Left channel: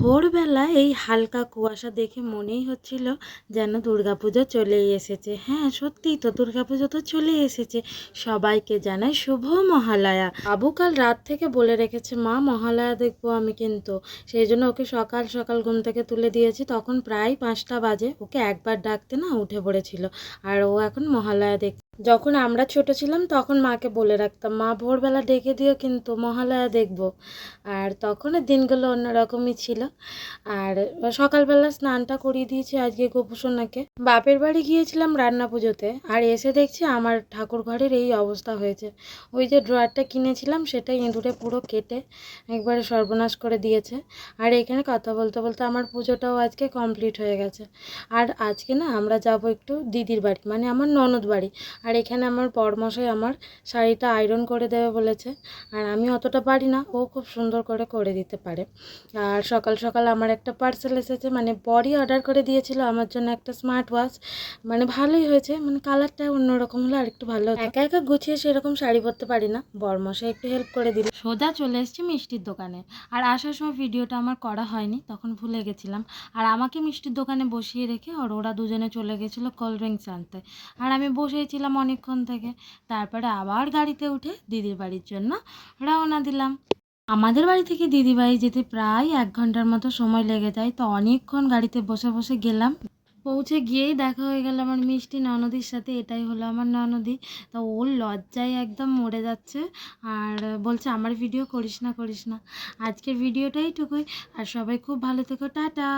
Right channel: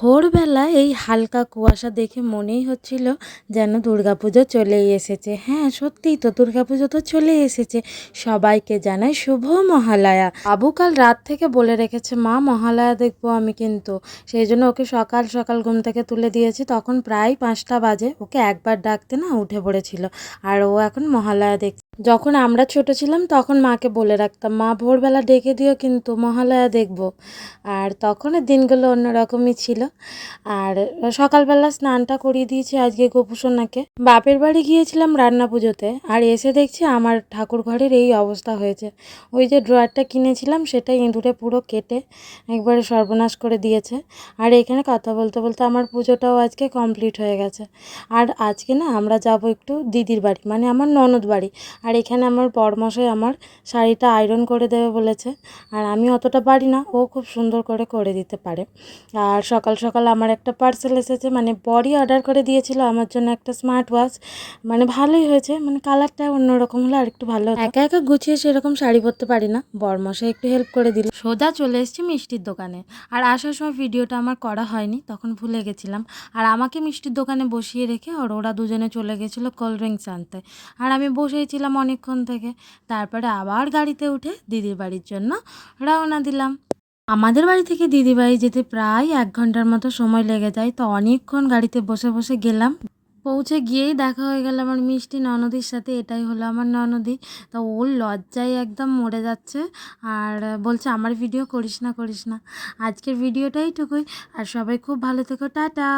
ভোরবেলা এই হালকা কুয়াশা দেখে মনেই হচ্ছিল যেন দুর্গাপুজো চলেই এসেছে। হ্যাঁ, সত্যিই তো দুর্গাপুজো তো চলেই এসেছে। সবাইকে জানাই শুভ মহালয়া। আবু কাল রাত থেকে বলে রেখেছে, মা মহালয়া দেখবো আমি, কিন্তু সেই জন্য ওকে সকাল সকাল ঘুম থেকে তুলে দিয়েছি। তখন প্রায় 5টা বাজে। ওকে একবার ডাকতে না উঠে পড়েছিল, আর ও এখন মহালয়া দেখ। যখন আমরা ছোট ছিলাম তখন মাকে বলে রাখতাম, মা ভোরবেলা ডেকে দিও কিন্তু মহালয়া দেখবো। আর তখনের দিনগুলো অন্যরকমই ছিল। আর সকালবেলা স্নানটা করিয়ে দিয়েছি আজকে গোপুসোনাকে। বাপের বাড়ি গিয়েছিলাম রান্না পুজোতে, আর এসে দেখছি আমার ঠাকুর ঘরের এই অবস্থা হয়েছে। ওই যে ড্রয়ারটা কিনেছিলাম সেটা ইঁদুরে পুরো কেটে একবারে সর্বনাশ করে দিয়েছে। আর এখানে কথা বলতে বলতে আমার পুজোটাও আজকে কমপ্লিট হয়ে গেছে। আর আজকে না আমরা যাব একটু দিদির বাড়ি, মানে আমার ননদ বাড়ি। আর এখানে আমার বরমশাই আমার শাড়িটা আয়রন করে দেবে বলেছে। আর আমি অতটা পারি না, ও খুব সুন্দর করে করে দিতে পারে। আর সকাল সকাল আমার একটা পার্সেল এসেছে, মানে বরই অর্ডার করে দিয়েছিল আমার জন্য একটা স্মার্ট ওয়াচ। মানে ভালোই হয়েছে, মানে কালারটা অন্যরকম হলে আর একটু ভালো হতো। একা একা গুছিয়ে সেরকম শাড়ি পরতে পারি না, বরমশাই একটু হেল্প করে দিল। সোজা চলে এসেছি মিষ্টির দোকানে। আর আসার সময় ভিডিওটা আমার করা হয়নি, তখন ভুলে গেছিলাম। আর আমাকে মিষ্টির দোকানে বসিয়ে রেখে আর ওরা দুজনে চলে গেছিলো কোল্ড ড্রিঙ্কস আনতে। আর আমি বসেছিলাম অনেকক্ষণ থেকে। তারপরে আবার গাড়িতে উঠে দিদির বাড়ির জন্য রওনা দিলাম। আমাদের বাড়ি থেকে দিদি বাড়ি যেতে প্রায় 1 ঘন্টার মতো সময় লেগে যায়। তো অনেকক্ষণ গাড়িতে বসে বসে গেলাম। পৌঁছে গিয়েই দেখা হয়ে গেল আমার মিষ্টি ননদির সাথে। এটাই হলো আমার ননদি। তো ওর লজ্জায় একদম মরে যাচ্ছে, আর বলছে আমার ভিডিও করিস না করিস না। আজকের ভিডিওটাই টুকুই। আর সবাই খুব ভালো থেকো, টাটা।